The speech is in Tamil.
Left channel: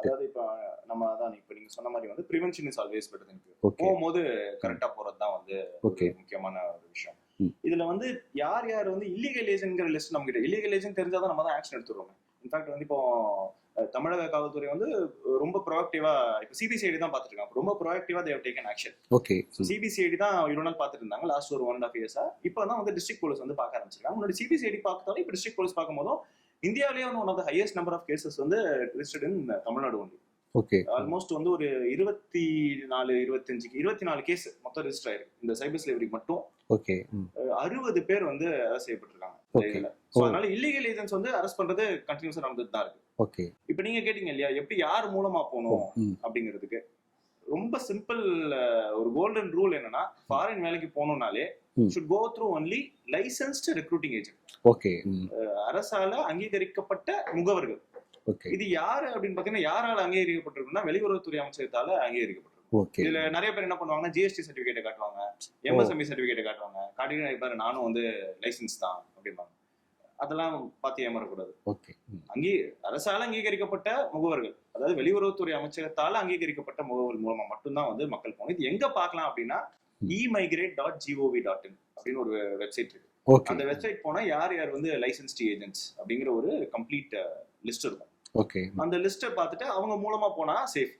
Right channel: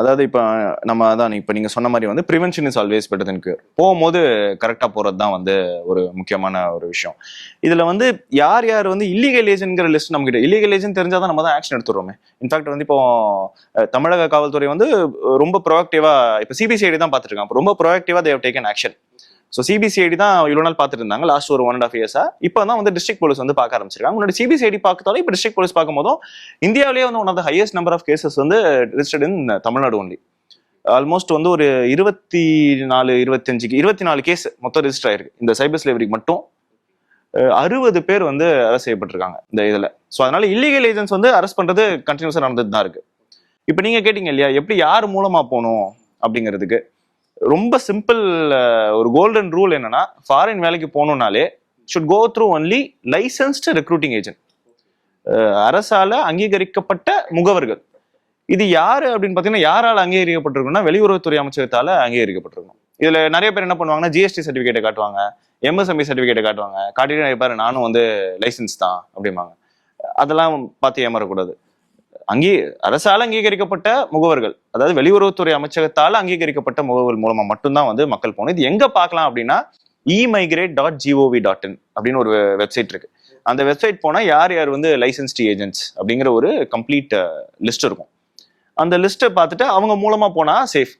அதாவது இப்ப நம்ம அதான் இப்ப நீங்க சொன்ன மாதிரி வந்து prevention is always better then cure. போகும்போது கரெக்டா போறது தான் வந்து ஒரு முக்கியமான ஒரு விஷயம். இதுல வந்து யார் யார் வந்து இல்லீகல் ஏஜென்ட்ங்கிற லிஸ்ட் நம்ம கிட்ட இல்லீகல் ஏஜென்ட் தெரிஞ்சாதான் நம்ம தான் ஆக்ஷன் எடுத்துறோமே. இன்ஃபேக்ட் வந்து இப்போ தமிழக காவல்துறை வந்து ரொம்ப ப்ரோஆக்டிவா இப்ப சிபிசிஐடி தான் பார்த்துட்டு இருக்காங்க. ரொம்ப ப்ரோஆக்டிவா they've taken action. Okay. So CBCID தான் இவ்வளவு நாள் பார்த்துட்டு இருந்தாங்க லாஸ்ட் ஒரு 1.5 இயர்ஸா. இப்போ தான் வந்து டிஸ்ட்ரிக்ட் போலீஸ் வந்து பார்க்க ஆரம்பிச்சிருக்காங்க. முன்னாடி சிபிசிஐடி பார்க்கத்தாலும் இப்போ டிஸ்ட்ரிக்ட் போலீஸ் பார்க்கும் போதும் இந்தியாவிலேயே வந்து one of the highest number of cases வந்து registered in Tamil Nadu only. Okay. Almost வந்து ஒரு 24 கேஸ் மொத்தம் ரெஜிஸ்டர் ஆயிருக்கு இந்த சைபர் ஸ்லேவரிக்கு மட்டும். ஓகே. 60 பேர் வந்து அரெஸ்ட் செய்யப்பட்டிருக்காங்க இந்த இதுல. சோ அதனால இல்லீகல் ஏஜென்ட்ஸ் வந்து அரெஸ்ட் பண்றது கண்டினியூஸா நடந்துட்டு தான் இருக்கு. ஓகே. இப்போ நீங்க கேட்டீங்க இல்லையா எப்படி யார் மூலமா போகணும் அப்படிங்கிறதுக்கு ரொம்ப சிம்பிள் ஒரு கோல்டன் ரூல் என்னன்னா ஃபாரின் வேலைக்கு போகணும்னாலே should go through only licensed recruiting agent. Okay. அரசால அங்கீகரிக்கப்பட்ட முகவர்கள். இது யாரு அப்படின்னு பாத்தீங்கன்னா யாரால அங்கீகரிக்கப்பட்டிருக்குன்னா வெளியுறவுத்துறை அமைச்சகத்தால அங்கீகரிக்கப்பட்டிருக்கும். இதுல நிறைய பேர் என்ன பண்ணுவாங்கன்னா ஜிஎஸ்டி சர்டிபிகேட்டை காட்டுவாங்க, எம்எஸ்எம்இ சர்டிபிகேட்டை காட்டுவாங்க, காட்டிட்டு பாரு நானும் வந்து லைசன்ஸ் தான் அப்படிம்பாங்க. அதெல்லாம் பார்த்து ஏமாறக்கூடாது. அரசால அங்கீகரிக்கப்பட்ட முகவர்கள், அதாவது வெளியுறவுத்துறை அமைச்சகத்தால அங்கீகரிக்கப்பட்ட முகவர்கள் மூலமா மட்டும்தான் வந்து மக்கள் போகணும். இது எங்க பார்க்கலாம் அப்படின்னா emigrate.gov.in அப்படின்னு ஒரு வெப்சைட் இருக்கு. அந்த வெப்சைட் போனா யார் யார் வந்து லைசன்ஸ்ட் ஏஜென்ட்ஸ் அப்படிங்கிற ஒரு கம்ப்ளீட் லிஸ்ட் இருக்கும். ஓகே. அந்த லிஸ்ட்டை பார்த்துட்டு அவங்க மூலமா போனா சேஃப்.